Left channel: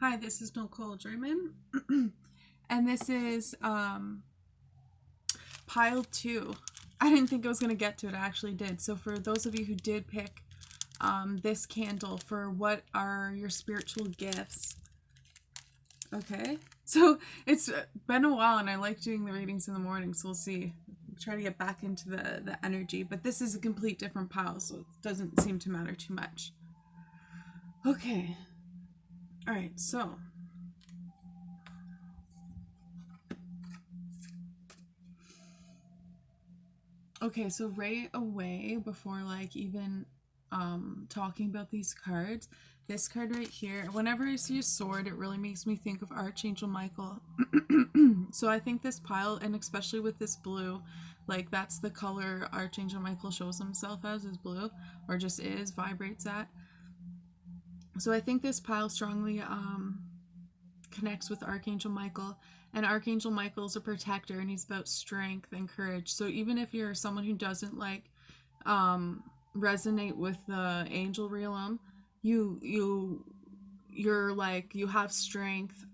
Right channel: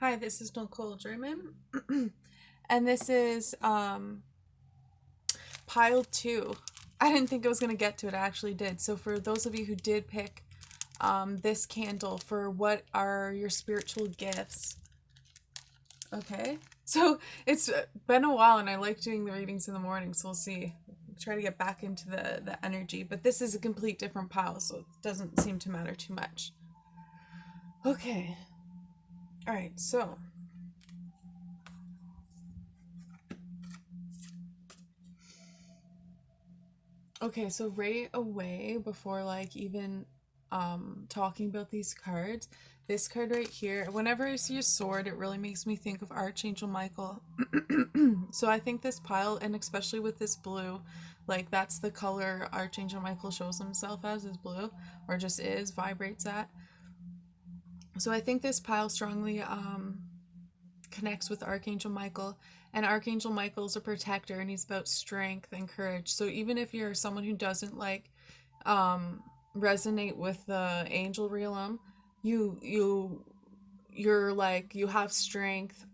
Hi, this is Nicole German, and this is pile two. I didn't think I was going to get to it, I actually did. So, for those of you who did pick this candle for what are your spiritual gifts, okay? So, it's been a while, and I like doing the readings in the morning, so we'll see. Try to get back into the energy, but this is a complete different pile, so it doesn't seem to matter too much. Okay. All right, so okay, so right away, before like even talking about these cards, this card right here, whenever I see a sword, it really makes me think of Archangel Michael. So I think this pile, and especially with this blue, like that's the color Archangel Michael shows himself as, is blue, or just is, vibrates at. So I think this pile strongly connects with Archangel Michael. And Archangel Michael's a protector, and he's about strength and courage. So even if you're someone who doesn't like resonate with the angel realm, you're like, you have strength,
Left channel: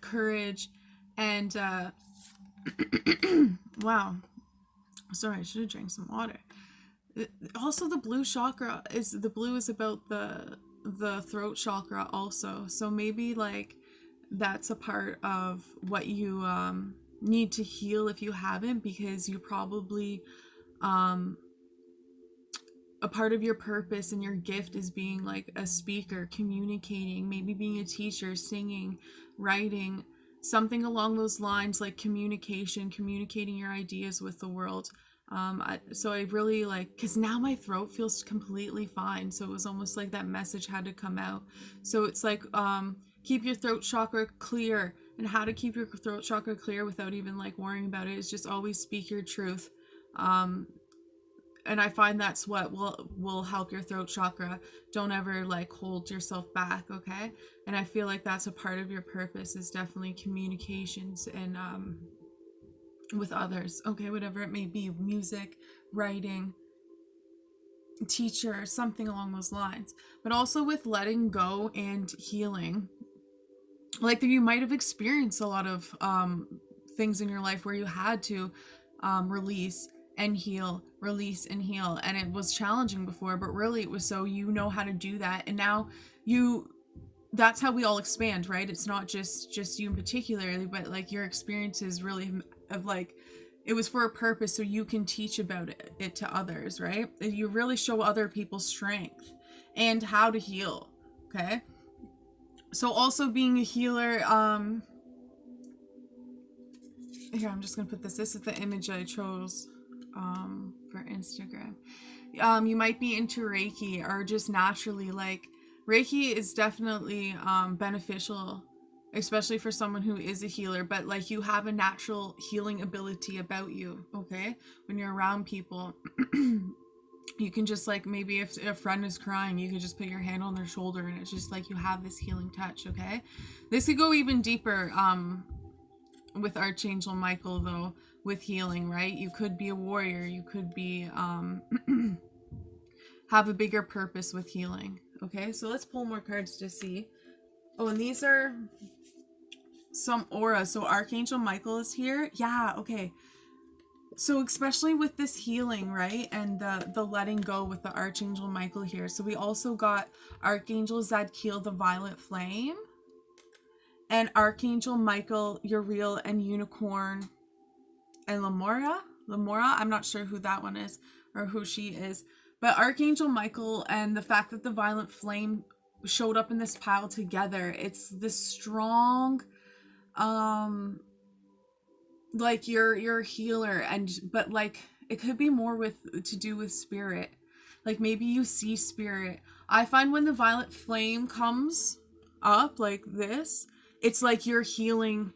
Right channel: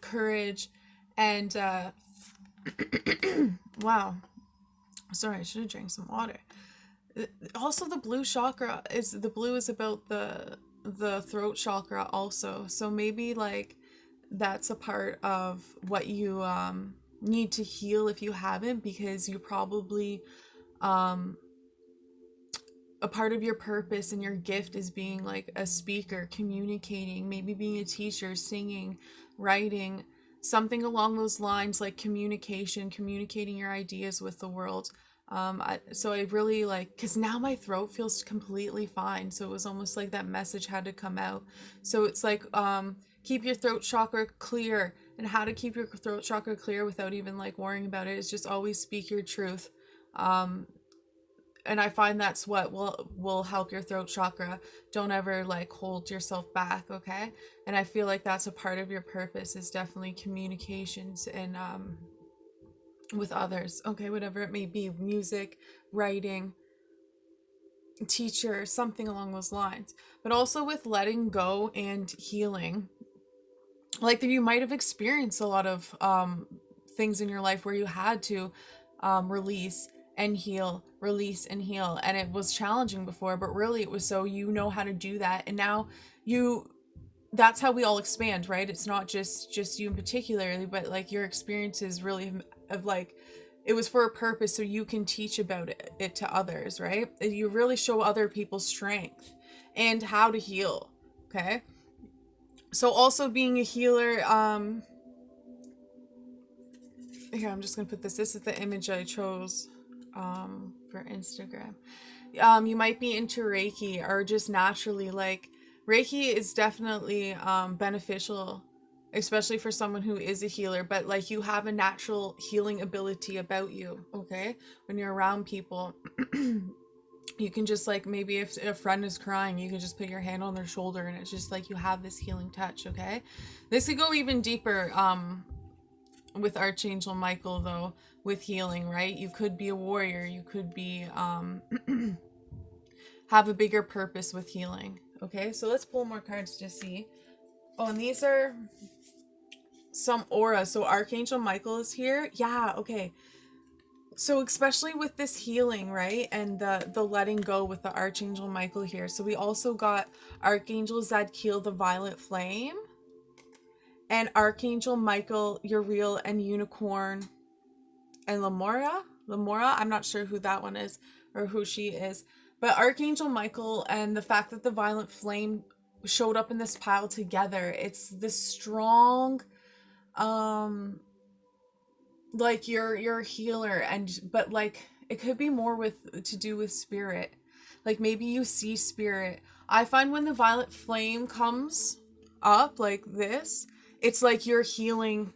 courage, and wow. Sorry, I should have drank some water. Also, the blue chakra is the blue is about the throat chakra also. So maybe like that's a part of what you need to heal if you haven't, because you probably a part of your purpose and your gift is being like a speaker, communicating, maybe being a teacher, singing, writing, something along those lines, like communication, communicating your ideas with the world. So I really like, because now my throat feels completely fine. So it was almost like that message had to come out. So it's like, keep your throat chakra clear. And how to keep your throat chakra clear without even like worrying about it is just always speak your truth. And I find that's what will help your throat chakra. Don't ever like hold yourself back, okay? And I feel like that's a part of your purpose, is definitely communications and with others, okay, whatever it may be, music, writing, teacher, something along those lines. But also with letting go and healing. Like you might have experienced a lot of things in your life where you had to release and heal, release and heal, and it was challenging before, but really it was so you know how to do that, and now you that's how we all expand, right? It's not just you in particular, but like your experiences really of like it was for a purpose, so you can teach about it to others, right? You really show other people strength and how to heal, okay? So also being a healer, here I'm just gonna put this is the image I chose for Instagram. You might be into Reiki, or just naturally like Reiki is definitely beneficial, especially for someone who is a healer, but like you have a natural healing ability about you, okay? When you're around people, you can just like, maybe if a friend is crying, you can just put your hand on their shoulder and it's just like you have this healing touch, okay? This could go even deeper with Archangel Michael, though, with healing, right? You could be a warrior, you could be have a bigger purpose with healing. Okay, so let's pull more cards to see. Oh, and these are some aura. So Archangel Michael is here. Yeah, okay. So especially with this healing, right? And the letting go with the Archangel Michael here. So we also got Archangel Zadkiel, the Violet Flame, and Archangel Michael, Uriel, and Unicorn, and Lamora. I'm not sure who that one is or who she is. But Archangel Michael and the fact that the Violent Flame showed up in this pile together, it's this strong like you're a healer, and but like it could be more with to do with spirit. Like maybe you see spirit. I find when the Violet Flame comes up like this, it's like you're healing.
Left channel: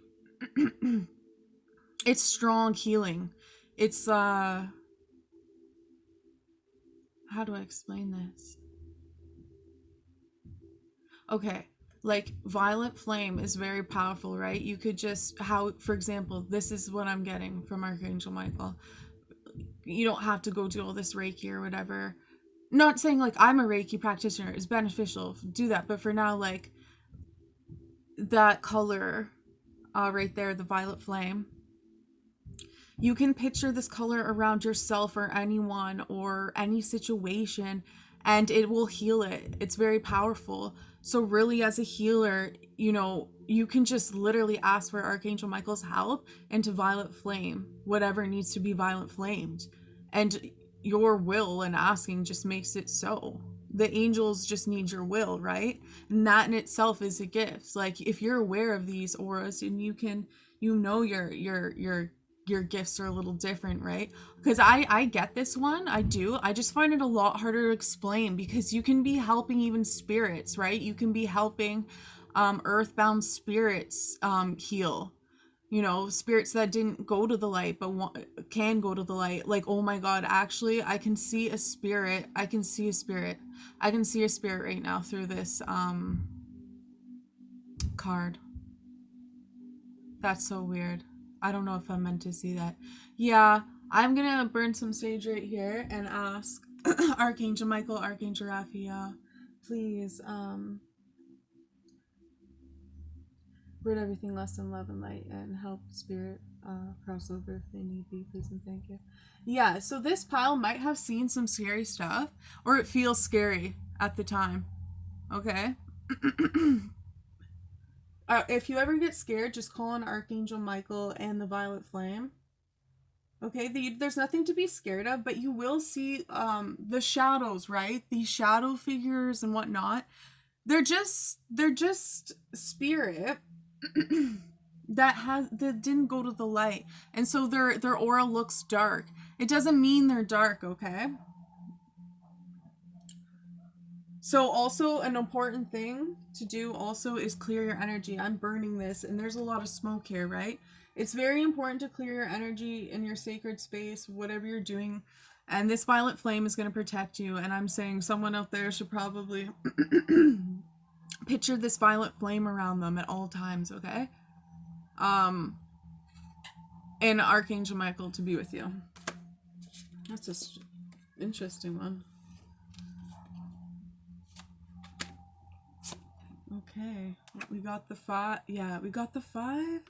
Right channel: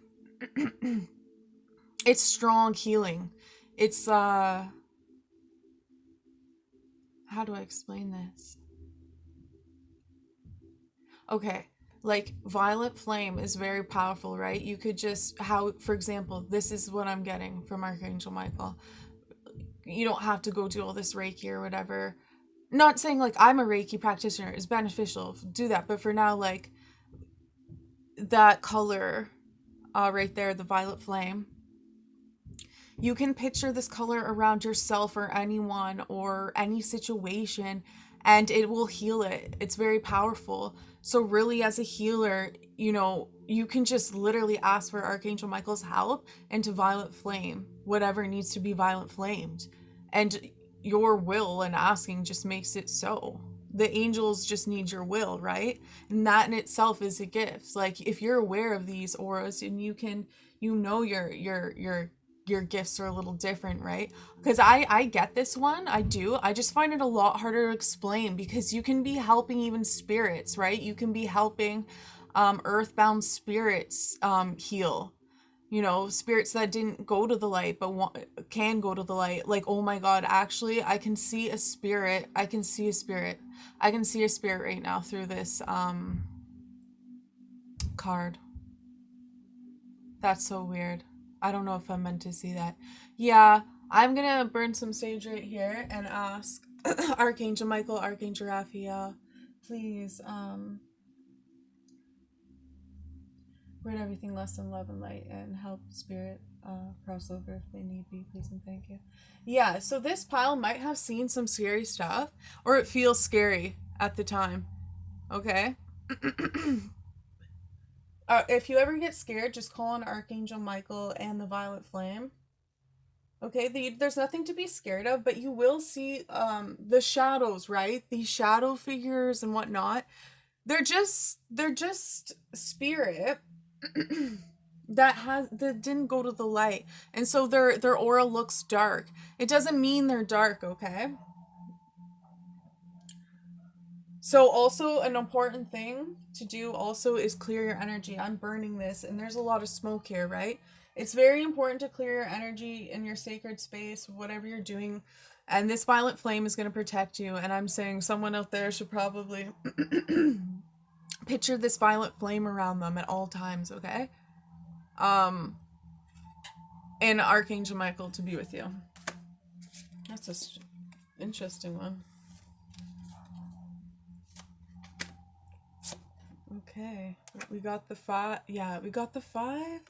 It's strong healing. It's how do I explain this? Okay, like Violet Flame is very powerful, right? You could just, how, for example, this is what I'm getting from Archangel Michael. You don't have to go do all this Reiki or whatever. Not saying like I'm a Reiki practitioner is beneficial, do that, but for now, like that color right there, the violet flame. You can picture this color around yourself or anyone or any situation, and it will heal it. It's very powerful. So really, as a healer, you know, you can just literally ask for Archangel Michael's help into violet flame, whatever needs to be violet flamed. And your will and asking just makes it so. The angels just need your will, right? And that in itself is a gift. Like, if you're aware of these auras and you can, you know, your gifts are a little different, right? Because I get this one, I do. I just find it a lot harder to explain, because you can be helping even spirits, right? You can be helping earthbound spirits heal. You know, spirits that didn't go to the light but can go to the light. Like, oh my god, actually I can see a spirit. I can see a spirit right now through this card. That's so weird. I don't know if I'm meant to see that. Yeah, I'm gonna burn some sage right here and ask Archangel Michael, Archangel Raphael, please rid everything less than love and light, and help spirit cross over if they need be, please and thank you. Yeah, so this pile might have seen some scary stuff, or it feels scary at the time. Okay. If you ever get scared, just call on Archangel Michael and the violet flame. Okay, there's nothing to be scared of, but you will see the shadows, right? These shadow figures and whatnot. They're just spirit that didn't go to the light, and so their aura looks dark. It doesn't mean they're dark, okay? So also an important thing to do also is clear your energy. I'm burning this and there's a lot of smoke here, right? It's very important to clear your energy in your sacred space, whatever you're doing. And this violet flame is going to protect you. And I'm saying someone out there should probably picture this violet flame around them at all times, okay? And Archangel Michael to be with you. That's an interesting one. Okay, we got the 5. Yeah, we got the 5.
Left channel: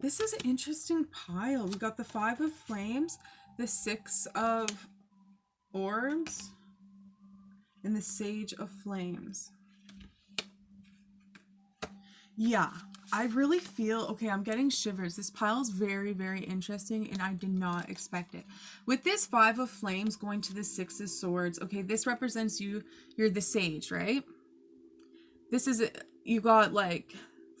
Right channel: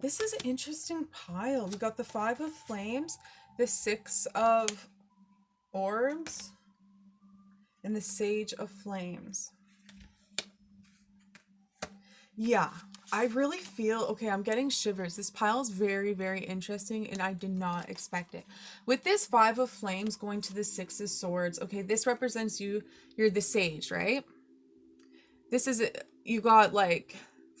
This is an interesting pile. We got the 5 of flames, the 6 of orbs, and the sage of flames. Yeah, I really feel, okay, I'm getting shivers. This pile is very, very interesting, and I did not expect it. With this 5 of flames going to the 6 of swords, okay, this represents you. You're the sage, right? This is, you got like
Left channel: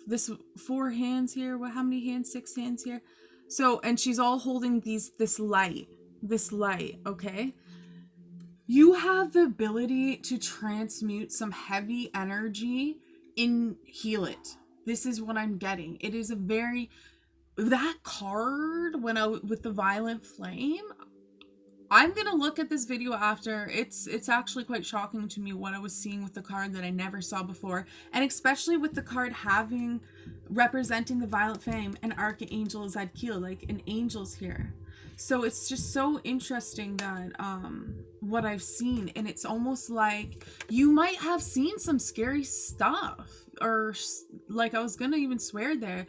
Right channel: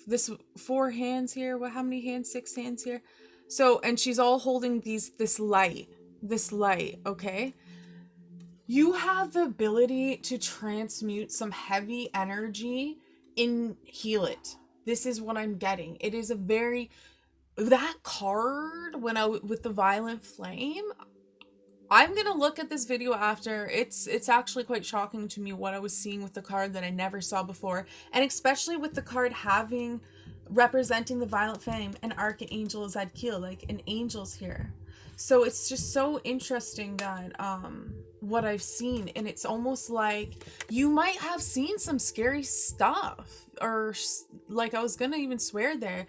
this 4 hands here. What, how many hands? 6 hands here. So, and she's all holding this light, okay? You have the ability to transmute some heavy energy and heal it. This is what I'm getting. It is a very, that card with the violent flame, I'm gonna look at this video after. It's actually quite shocking to me what I was seeing with the card that I never saw before, and especially with the card representing the violet flame and Archangel Zadkiel, like an angel's here. So it's just so interesting that what I've seen, and it's almost like you might have seen some scary stuff, or like I was gonna even swear there,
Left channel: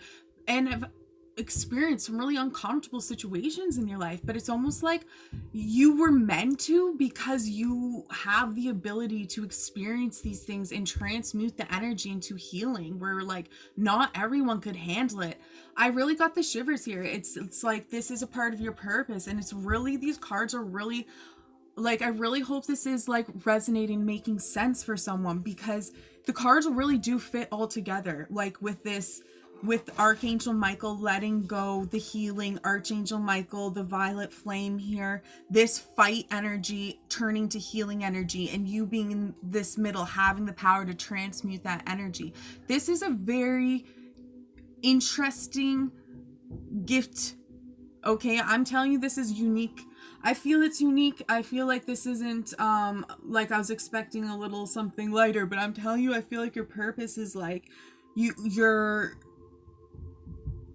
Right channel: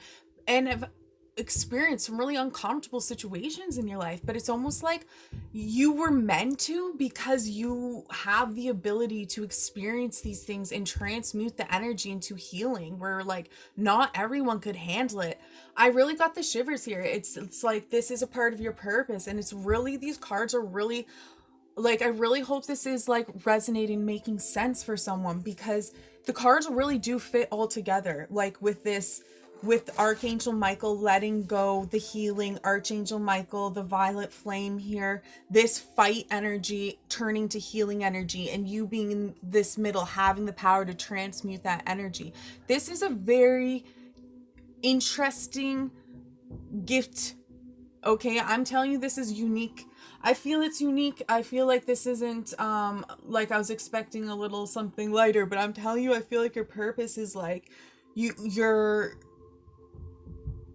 and have experienced some really uncomfortable situations in your life, but it's almost like you were meant to, because you have the ability to experience these things and transmute the energy into healing, where like not everyone could handle it. I really got the shivers here. It's like this is a part of your purpose, and it's really, these cards are really like, I really hope this is like resonating, making sense for someone, because the cards really do fit all together. Like with this, with Archangel Michael letting go, the healing, Archangel Michael, the violet flame here, this fight energy turning to healing energy, and you being in this middle, having the power to transmute that energy. This is a very interesting gift. Okay, I'm telling you, this is unique. I feel it's unique. I feel like this isn't like I was expecting a little something lighter, but I'm telling you, I feel like your purpose is like you're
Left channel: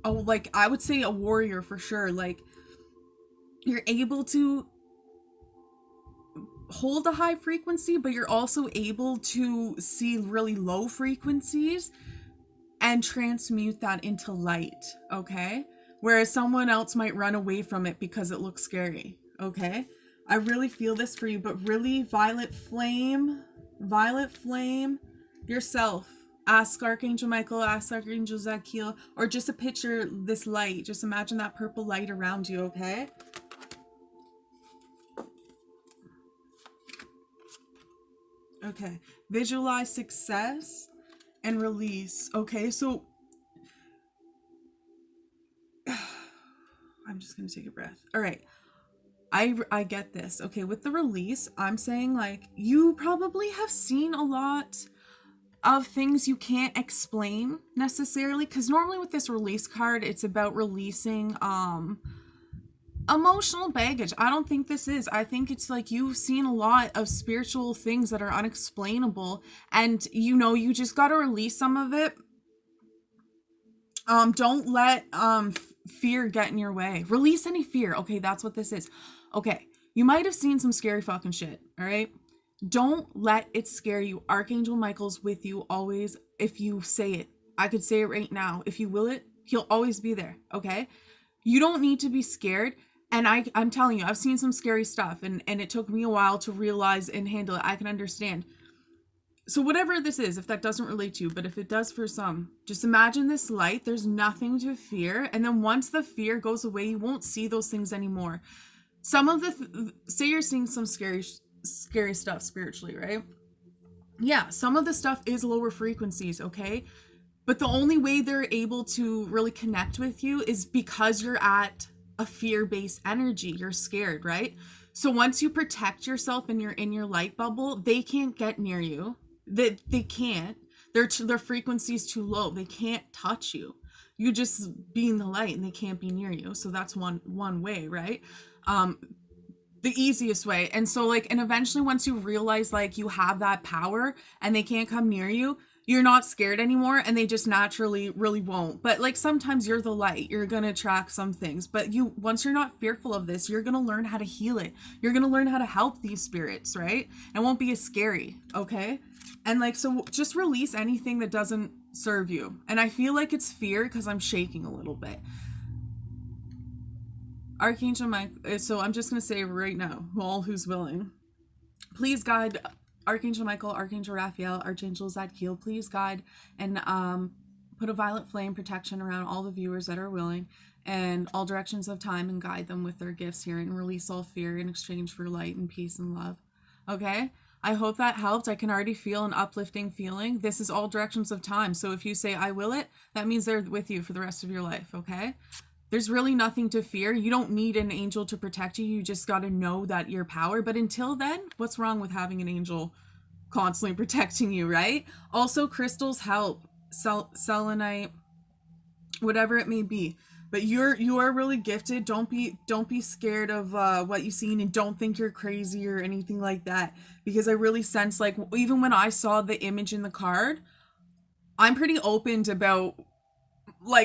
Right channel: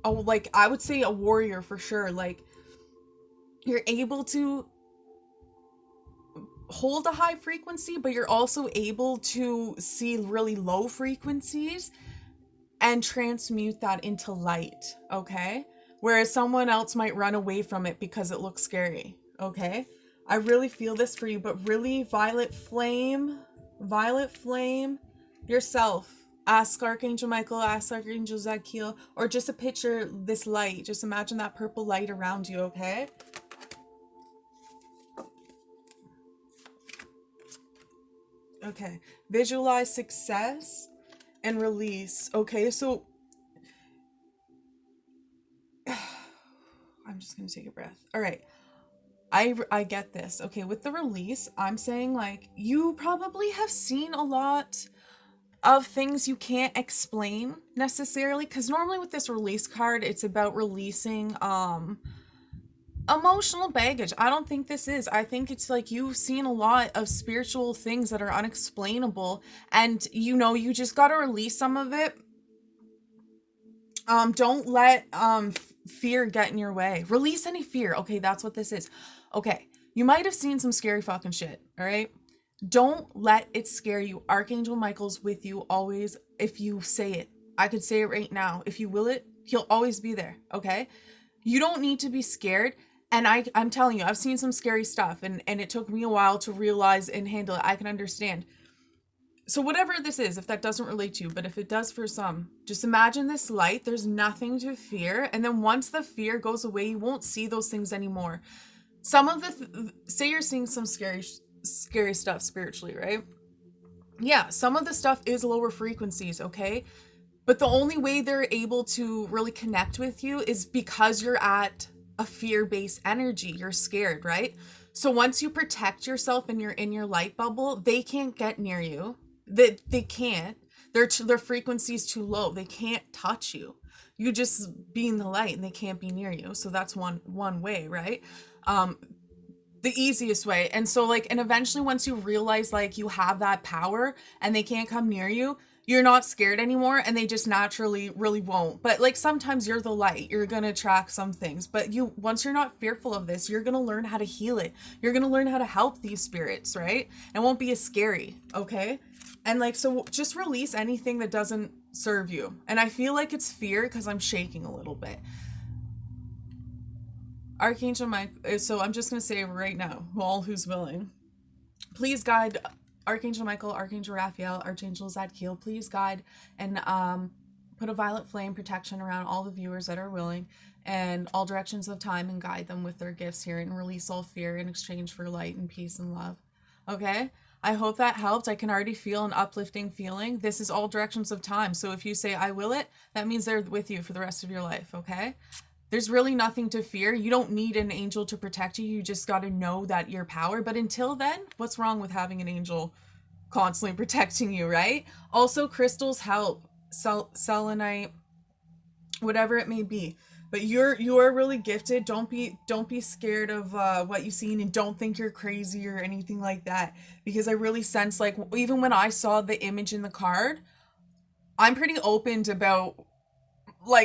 like, I would say a warrior for sure. Like, you're able to hold a high frequency, but you're also able to see really low frequencies and transmute that into light, okay? Whereas someone else might run away from it because it looks scary, okay? I really feel this for you, but really, violet flame yourself. Ask Archangel Michael, ask Archangel Zadkiel, or just a picture this light. Just imagine that purple light around you, okay? Okay, visualize success and release. Okay, so I'm just gonna take a breath. All right, I get this. Okay, with the release, I'm saying like you probably have seen a lot of things you can't explain necessarily, because normally with this release card, it's about releasing emotional baggage. I don't think this is. I think it's like you've seen a lot of spiritual things that are unexplainable, and you just got to release some of it. Don't let fear get in your way. Release any fear. Okay, that's what this is. Okay, you might have seen some scary fucking shit, all right? Don't let it scare you. Archangel Michael's with you always. If you say it, I could say it right now. If you will it, he'll always be there, okay? You don't need to be scared. And I'm telling you, I've seen some scary stuff, and it took me a while to realize and handle it. I can understand. So whatever this is, if that doesn't relate to you, but if it does for some, just imagine this light. There's nothing to fear. And then once the fear goes away, you won't see those things anymore. Some of say you're seeing some scary stuff spiritually, right? Yeah, some of the stuff is lower frequencies, okay? But the only way they're able to really connect with you is because you're at a fear-based energy. You're scared, right? So once you protect yourself and you're in your light bubble, they can't get near you. They can't. Their frequency's too low. They can't touch you. You just be in the light and they can't be near you. So that's one way, right? The easiest way. And so and eventually once you realize you have that power and they can't come near you, you're not scared anymore, and they just naturally really won't. But sometimes you're the light. You're going to attract some things. But once you're not fearful of this, you're going to learn how to heal it. You're going to learn how to help these spirits, right? It won't be as scary, okay? And so just release anything that doesn't serve you. And I feel like it's fear because I'm shaking a little bit. Archangel Mike, so I'm just going to say right now, all who's willing, please guide Archangel Michael, Archangel Raphael, Archangel Zadkiel, please guide and put a violet flame protection around all the viewers that are willing, and all directions of time, and guide them with their gifts here, and release all fear in exchange for light and peace and love. Okay? I hope that helped. I can already feel an uplifting feeling. This is all directions of time. So if you say, I will it, that means they're with you for the rest of your life. Okay? There's really nothing to fear. You don't need an angel to protect you. You just got to know that your power. But until then, what's wrong with having an angel constantly protecting you, right? Also, crystals help. Selenite, whatever it may be. But you're really gifted. Don't be scared of what you've seen, and don't think you're crazy or anything like that. Because I really sense even when I saw the image in the card, I'm pretty open about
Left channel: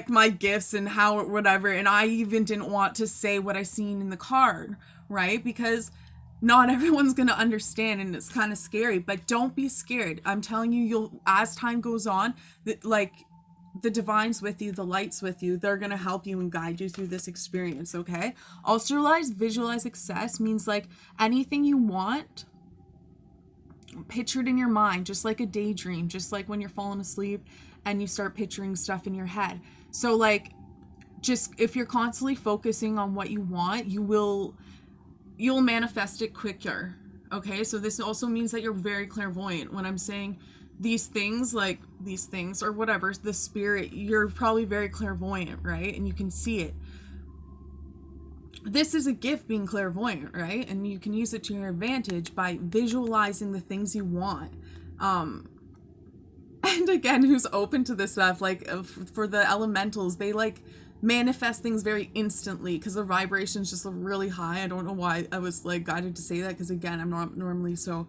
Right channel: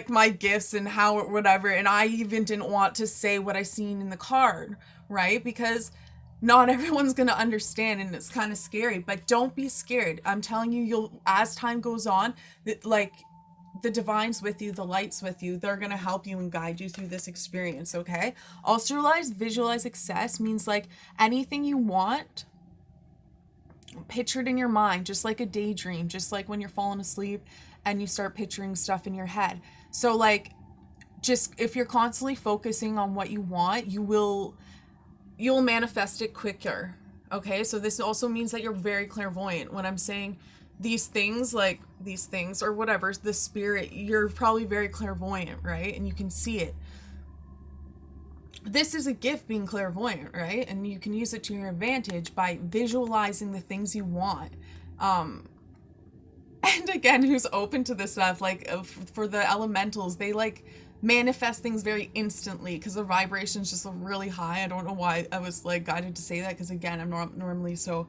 my gifts and how whatever, and I even didn't want to say what I seen in the card, right? Because not everyone's gonna understand, and it's kind of scary. But don't be scared. I'm telling you, you'll, as time goes on, the divine's with you, the light's with you. They're gonna help you and guide you through this experience. Okay? Also, visualize success means anything you want pictured in your mind, just like a daydream, just like when you're falling asleep and you start picturing stuff in your head. So just if you're constantly focusing on what you want, you'll manifest it quicker. Okay? So this also means that you're very clairvoyant. When I'm saying these things or whatever, the spirit, you're probably very clairvoyant, right? And you can see it. This is a gift, being clairvoyant, right? And you can use it to your advantage by visualizing the things you want. And again, who's open to this stuff, for the elementals, they manifest things very instantly because their vibration's just really high. I don't know why I was guided to say that, because again, I'm not normally so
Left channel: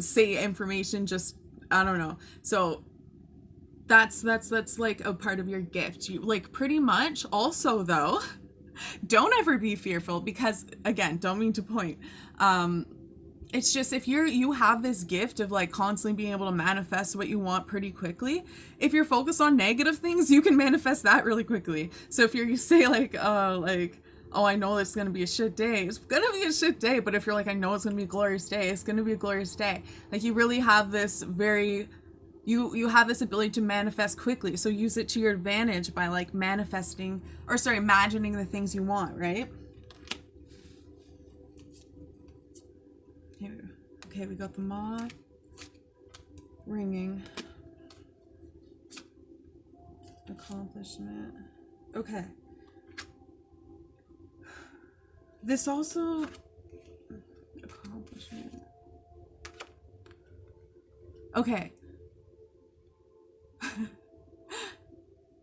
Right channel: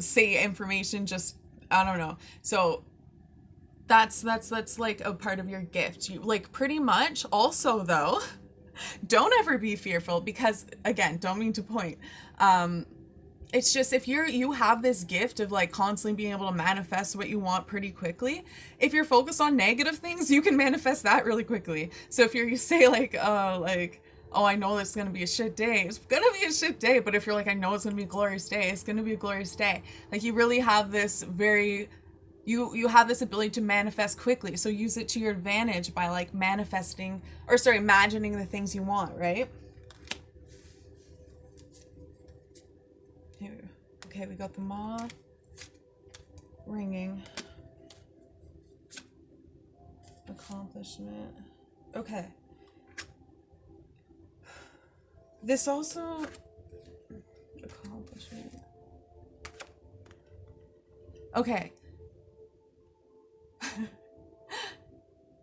say information, just I don't know. So that's a part of your gift. You pretty much. Also though, don't ever be fearful, because again, don't mean to point, it's just, if you have this gift of like constantly being able to manifest what you want pretty quickly, if you're focused on negative things, you can manifest that really quickly. So if you say like oh, I know it's gonna be a shit day, it's gonna be a shit day. But if you're like, I know it's gonna be a glorious day, it's gonna be a glorious day. Like, you really have this very, you have this ability to manifest quickly. So use it to your advantage by like manifesting, or sorry, imagining the things you want, right? Okay, we got the moth ringing. Accomplishment. Okay. This also, accomplishment. Okay.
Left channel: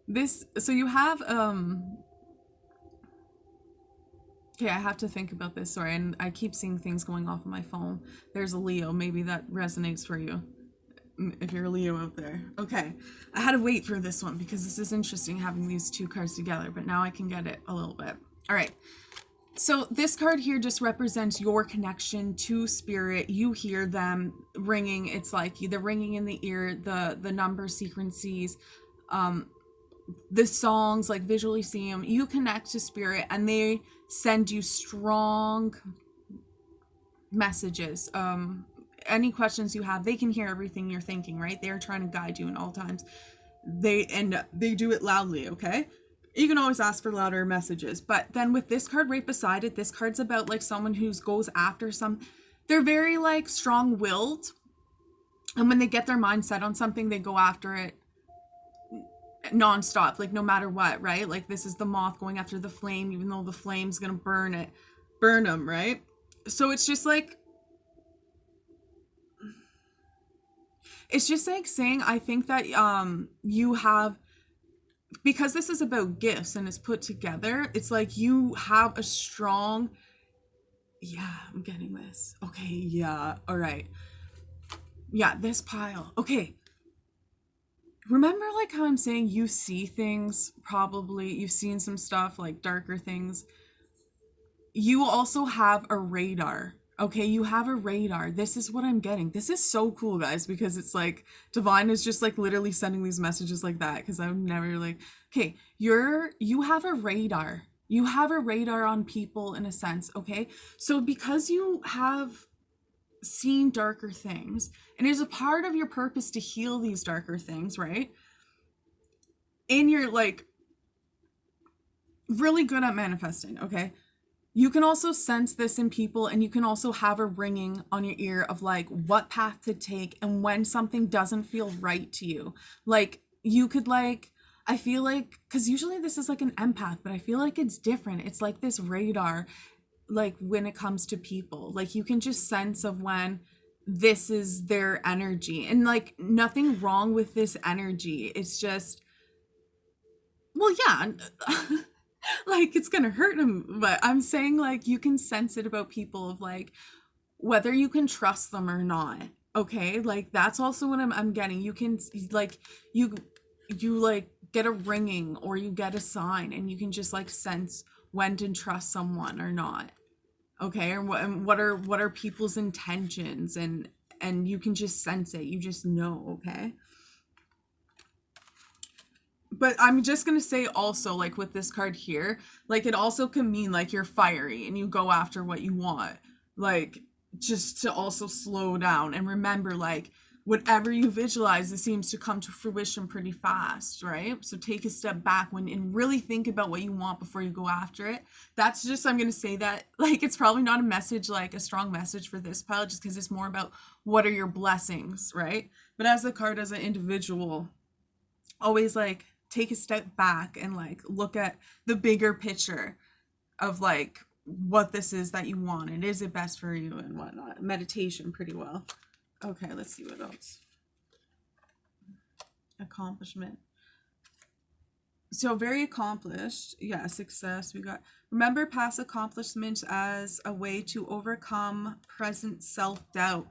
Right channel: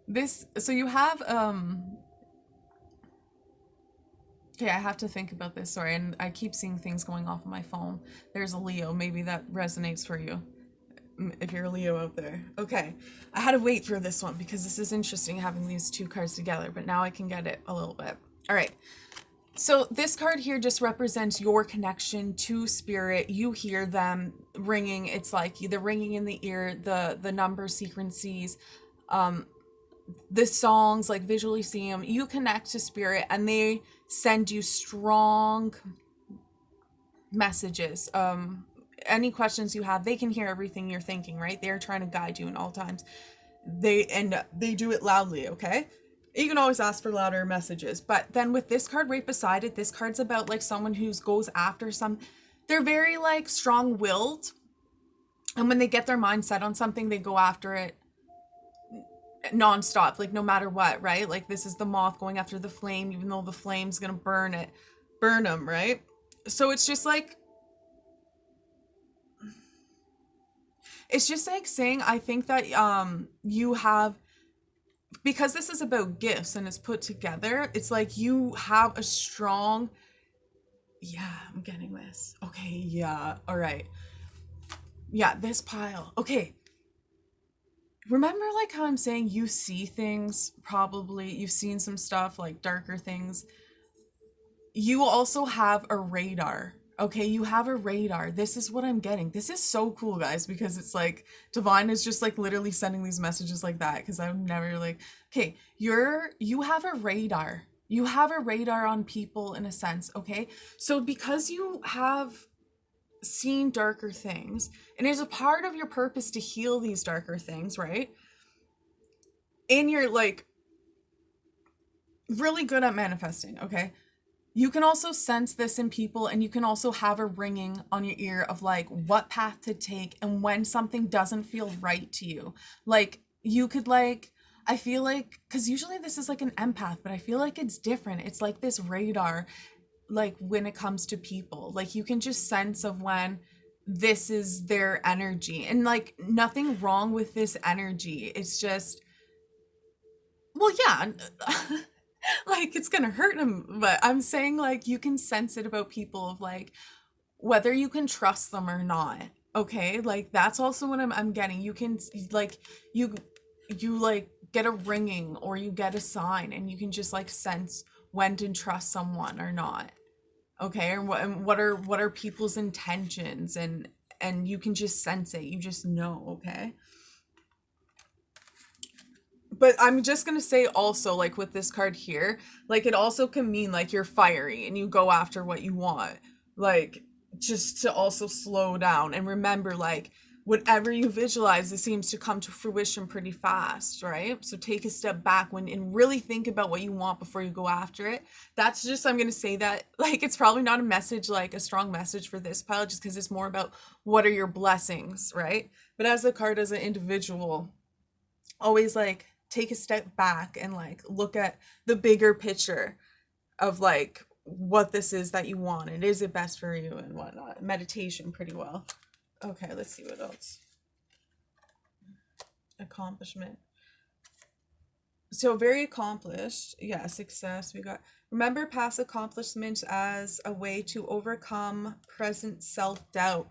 This, so you have, okay, I have to think about this, sorry, and I keep seeing things going off on my phone. There's a Leo, maybe that resonates for you, if you're a Leo out there. Okay, I had to wait for this one because this is interesting having these two cards together, but now I can get it a little bit. All right, so this card here just represents your connection to spirit. You hear them ringing. It's like the ringing in the ear, the number sequences, the songs, like visually see them. You connect to spirit and they send you strong messages. Any questions you have, they can hear everything you're thinking, right? They're trying to guide you in all times. They do it loudly, okay? You can always ask for louder messages. But then with this card right beside it, this card's about like someone who goes after they're very like strong-willed. And when they get their mind set on something, they go after it non-stop, like no matter what, right? Like this is the moth going after the flame, even though the flame's gonna burn them, right? So it's just like saying, I think that you have, because this is about gifts and it's put together, it's like you have a strong, yeah, I'm getting this. Okay, yeah, all right. Yeah, this pile. Okay. Remember like how I'm saying you see things, probably you've seen some stuff like darker things. You also have a radar. Okay, you have a radar. This is what I'm getting. This is so cool, guys, because it's like divine is just like literally sending these messages like that, because I'm never like, okay, you have a radar. You have a radar on people in a sense, okay? So because you have seen darker things, and it's a part of your purpose to heal these darker things, right? And you're like really good at manifesting, okay? You can also sense this in people, and you can also have a ringing on your ear of like what path to take and when something doesn't feel right to you. Like you could like, I feel like, because usually this is like an empath, but I feel like it's different. It's like this radar, like when it comes to people, like you can just sense of when this is their energy, and like nothing wrong with this energy. It's just, well, yeah, like it's gonna hurt them, but I'm saying like you can sense it about people of like whether you can trust them or not. Okay, like that's also what I'm getting. You can like you like get a ringing or you get a sign, and you can just like sense when to trust someone or not. Okay, and what are people's intentions, and you can just sense it. You just know, okay? But I'm just gonna say also, like with this card here, like it also can mean like you're fiery and you go after what you want. Like just to also slow down and remember, like whatever you visualize, it seems to come to fruition pretty fast, right? So take a step back and really think about what you want before you go after it. That's just, I'm gonna say that, like it's probably not a message, like a strong message for this pile, just because it's more about what are your blessings, right? But as the card, as an individual, always like take a step back and like look at the bigger picture of like what this is that you want. Is it best for you and whatnot. Meditation pretty well. Okay, let's see what else. Accomplishment. So very accomplished. Yeah, success. We got, remember past accomplishments as a way to overcome present self-doubt.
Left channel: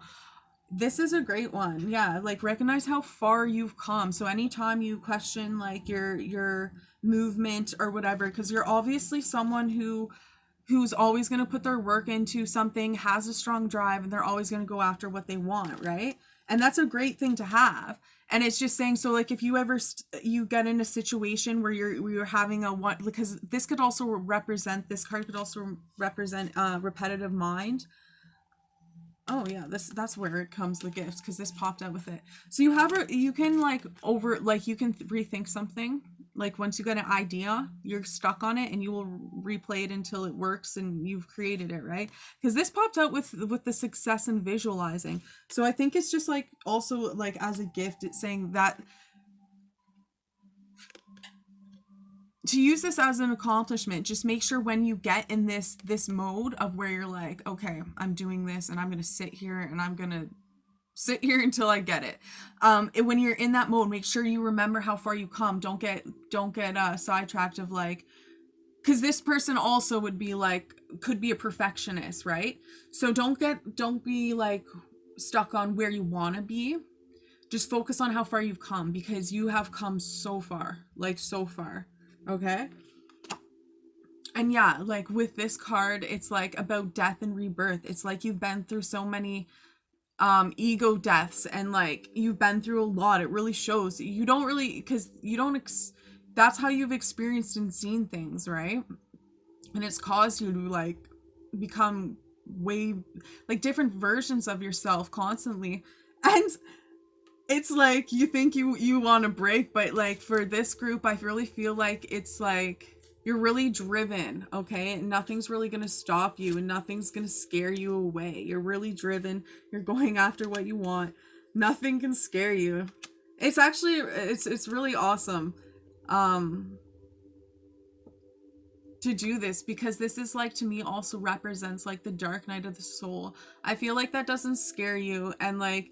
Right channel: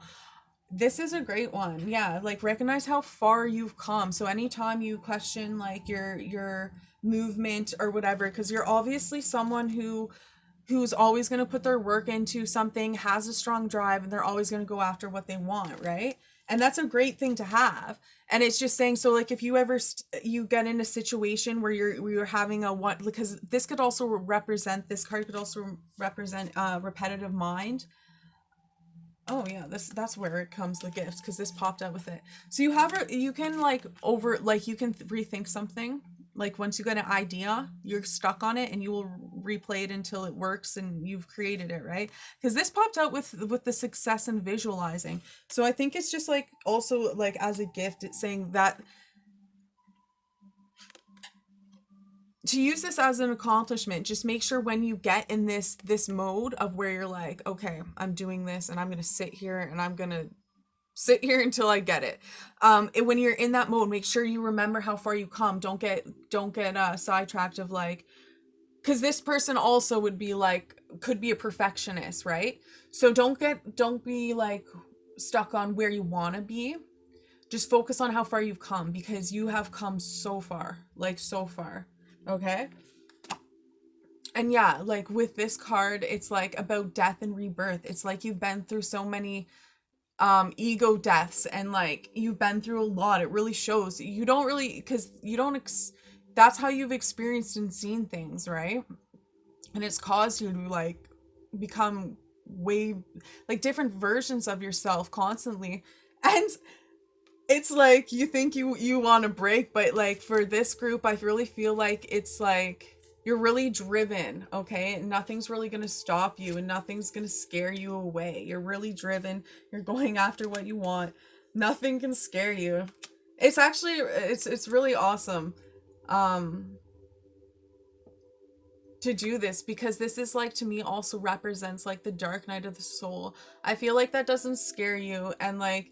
This is a great one. Yeah, like recognize how far you've come. So anytime you question like your movement or whatever, because you're obviously someone who's always going to put their work into something, has a strong drive, and they're always going to go after what they want, right? And that's a great thing to have. And it's just saying, so like if you ever you get in a situation where you're having a one, because this could also represent, this card could also represent repetitive mind. Oh yeah, that's where it comes, the gifts, because this popped out with it. So you can like you can rethink something. Like once you get an idea, you're stuck on it and you will replay it until it works and you've created it, right? Because this popped out with the success and visualizing. So I think it's just like also like as a gift, it's saying that to use this as an accomplishment, just make sure when you get in this mode of where you're like, okay, I'm doing this and I'm going to sit here and I'm going to sit here until I get it. When you're in that mode, make sure you remember how far you come. Don't get sidetracked of like, because this person also would be like, could be a perfectionist, right? So don't be like stuck on where you want to be. Just focus on how far you've come, because you have come so far, like so far. Okay. And yeah, like with this card, it's like about death and rebirth. It's like you've been through so many ego deaths, and like you've been through a lot. It really shows. You don't really, because you don't that's how you've experienced and seen things, right? And it's caused you to like become way like different versions of yourself constantly. And it's like you think you want to break, but like for this group, I really feel like it's like you're really driven, okay? And nothing's really going to stop you and nothing's going to scare you away. You're really driven. You're going after what you want. Nothing can scare you. It's actually it's really awesome to do this, because this is like, to me, also represents like the dark night of the soul. I feel like that doesn't scare you, and like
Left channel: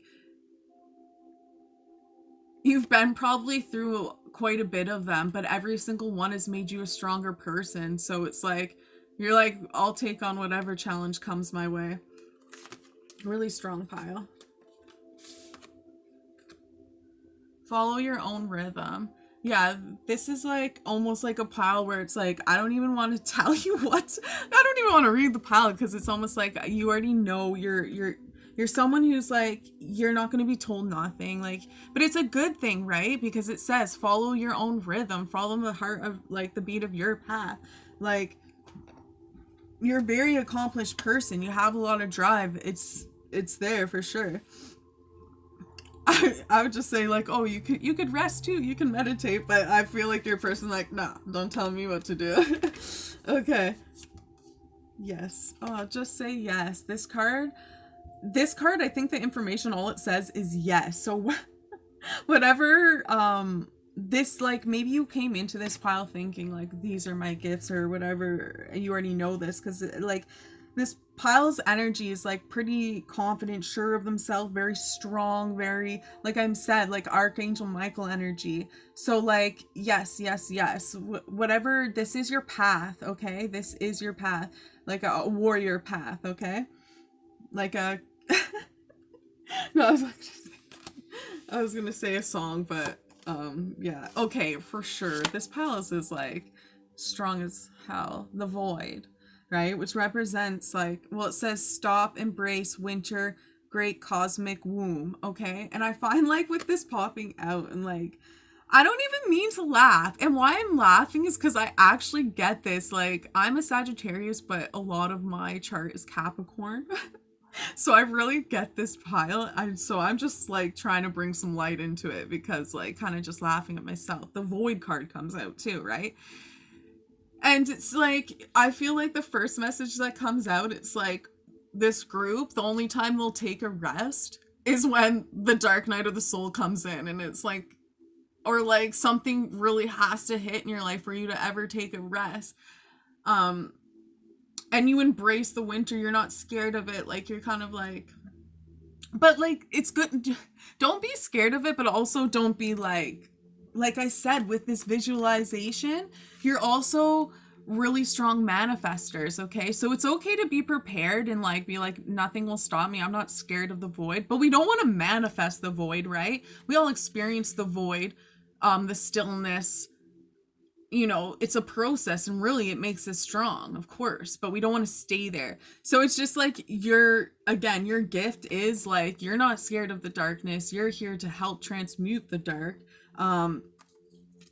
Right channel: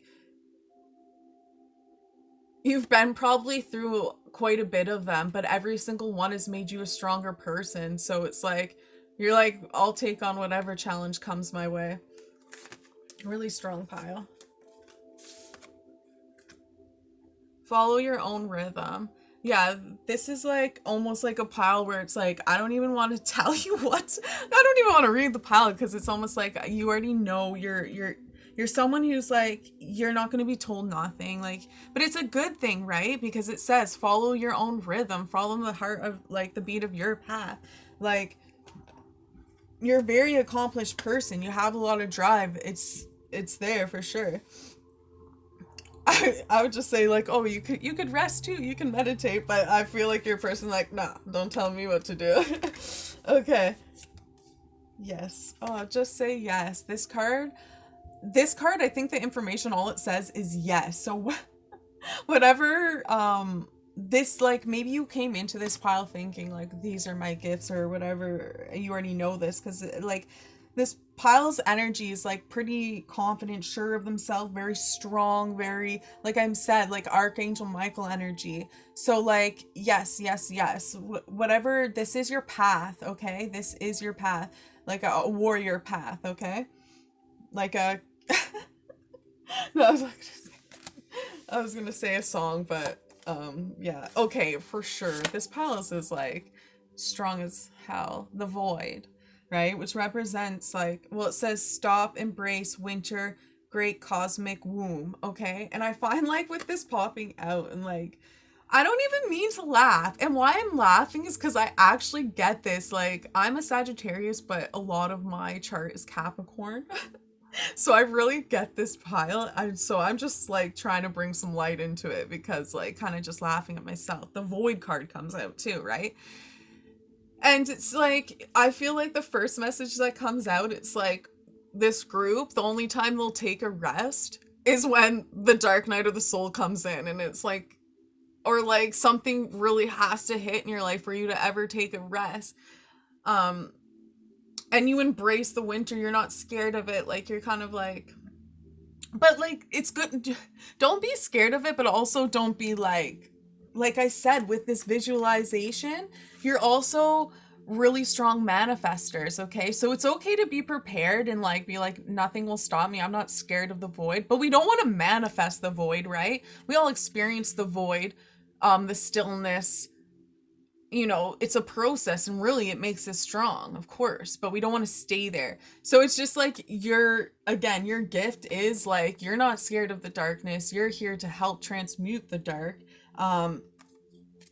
you've been probably through quite a bit of them, but every single one has made you a stronger person. So it's like, you're like, I'll take on whatever challenge comes my way. Really strong pile. Follow your own rhythm. Yeah, this is like almost like a pile where it's like, I don't even want to tell you what. I don't even want to read the pile, because it's almost like you already know you're someone who's like, you're not going to be told nothing, like, but it's a good thing, right? Because it says follow your own rhythm, follow the heart of like the beat of your path. Like, you're a very accomplished person, you have a lot of drive, it's there for sure. I would just say like, oh, you could rest too, you can meditate, but I feel like you're a person like, nah, don't tell me what to do. Okay. Yes. Oh, just say yes. This card, I think the information, all it says is yes. So whatever, this, like, maybe you came into this pile thinking like, these are my gifts or whatever, you already know this, because like this pile's energy is like pretty confident, sure of themselves, very strong, very, like I said, like Archangel Michael energy. So like, yes, whatever, this is your path, okay? This is your path, like a warrior path, okay? Like a no, I was gonna say a song, but yeah, okay, for sure. This palace is like strong as hell. The void, right? Which represents like, well, it says stop, embrace winter, great cosmic womb, okay? And I find like with this popping out, and like, I don't even mean to laugh. And why I'm laughing is because I actually get this. Like, I'm a Sagittarius, but a lot of my chart is Capricorn. So I really get this pile. I'm just like trying to bring some light into it, because like kind of just laughing at myself. The void card comes out too, right? And it's like, I feel like the first message that comes out, it's like, this group, the only time they'll take a rest is when the dark night of the soul comes in, and it's like, or like something really has to hit in your life for you to ever take a rest. And you embrace the winter, you're not scared of it, like you're kind of like, but like, it's good, don't be scared of it, but also don't be like I said, with this visualization, you're also really strong manifestors, okay? So it's okay to be prepared and like be like, nothing will stop me, I'm not scared of the void. But we don't want to manifest the void, right? We all experience the void, the stillness, you know, it's a process, and really it makes us strong, of course, but we don't want to stay there. So it's just like again, your gift is like, you're not scared of the darkness. You're here to help transmute the dark. Um,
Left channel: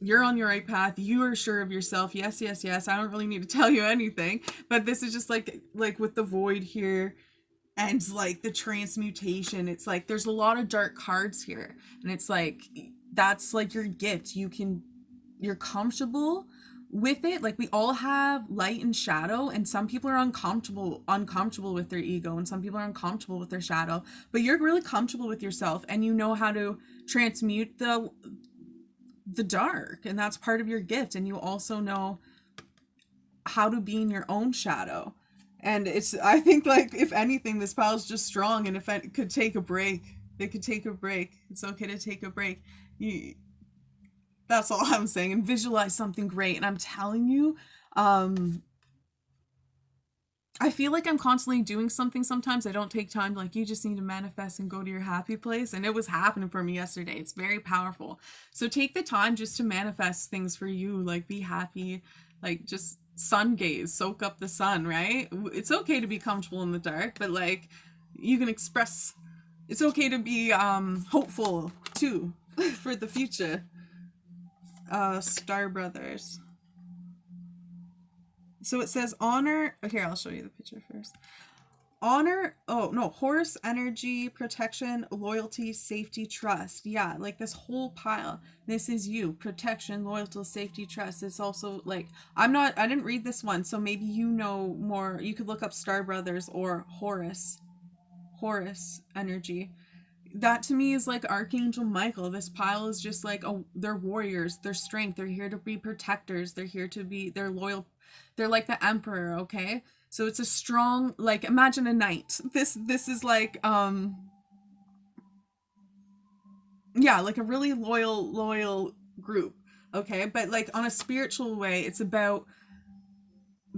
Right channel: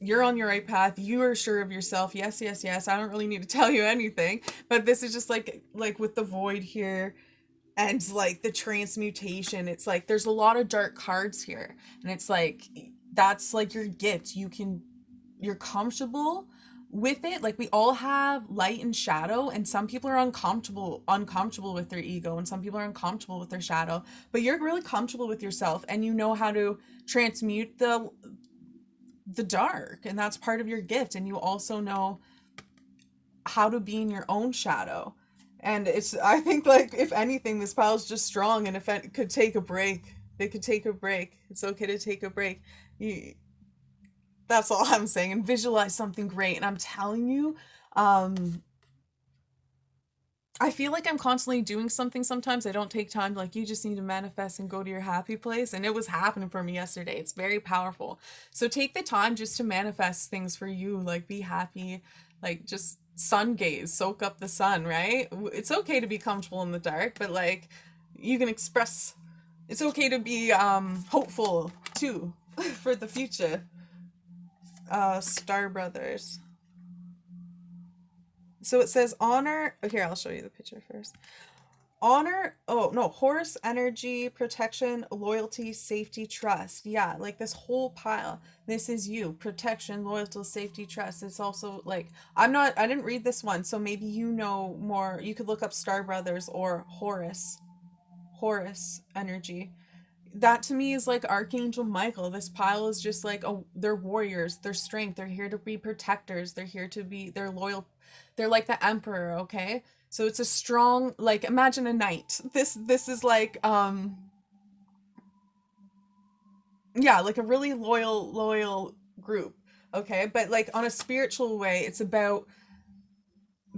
you're on your right path. You are sure of yourself. Yes, yes, yes. I don't really need to tell you anything, but this is just like with the void here and like the transmutation. It's like there's a lot of dark cards here, and it's like that's like your gift. You're comfortable with it. Like we all have light and shadow, and some people are uncomfortable with their ego, and some people are uncomfortable with their shadow, but you're really comfortable with yourself, and you know how to transmute the dark, and that's part of your gift. And you also know how to be in your own shadow. And it's, I think, like, if anything, this pile's just strong, and if it could take a break, they could take a break. It's okay to take a break. You, that's all I'm saying. And visualize something great. And I'm telling you, I feel like I'm constantly doing something sometimes. I don't take time to, like, you just need to manifest and go to your happy place. And it was happening for me yesterday. It's very powerful. So take the time just to manifest things for you. Like, be happy. Like, just sun gaze, soak up the sun, right? It's okay to be comfortable in the dark, but like, you can express, it's okay to be hopeful too for the future. Star Brothers. So it says honor. Okay, I'll show you the picture first. Honor. Oh, no. Horse, energy, protection, loyalty, safety, trust. Yeah, like this whole pile. This is you. Protection, loyalty, safety, trust. It's also like, I didn't read this one, so maybe you know more. You could look up Star Brothers or Horus. Horus energy. That to me is like Archangel Michael. This pile is just like, oh, they're warriors, they're strength, they're here to be protectors, they're loyal, they're like the emperor, okay? So it's a strong, like, imagine a knight. This is like yeah, like a really loyal group, okay? But like on a spiritual way, it's about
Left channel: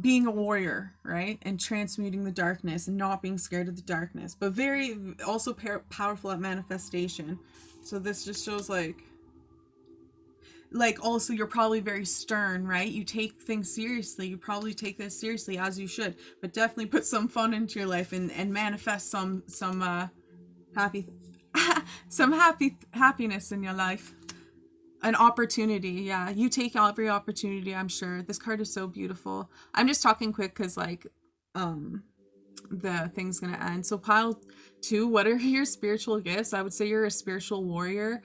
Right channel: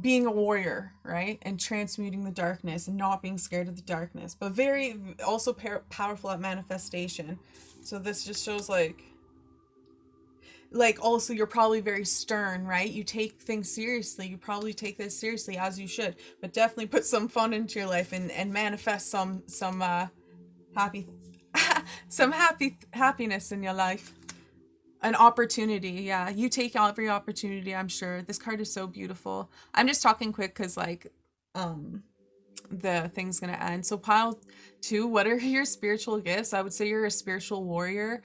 being a warrior, right? And transmuting the darkness and not being scared of the darkness, but very also powerful at manifestation. So this just shows like also you're probably very stern, right? You take things seriously. You probably take this seriously, as you should, but definitely put some fun into your life and manifest some happy some happiness in your life. An opportunity, yeah. You take every opportunity, I'm sure. This card is so beautiful. I'm just talking quick because like the thing's gonna end. So pile two, what are your spiritual gifts? I would say you're a spiritual warrior.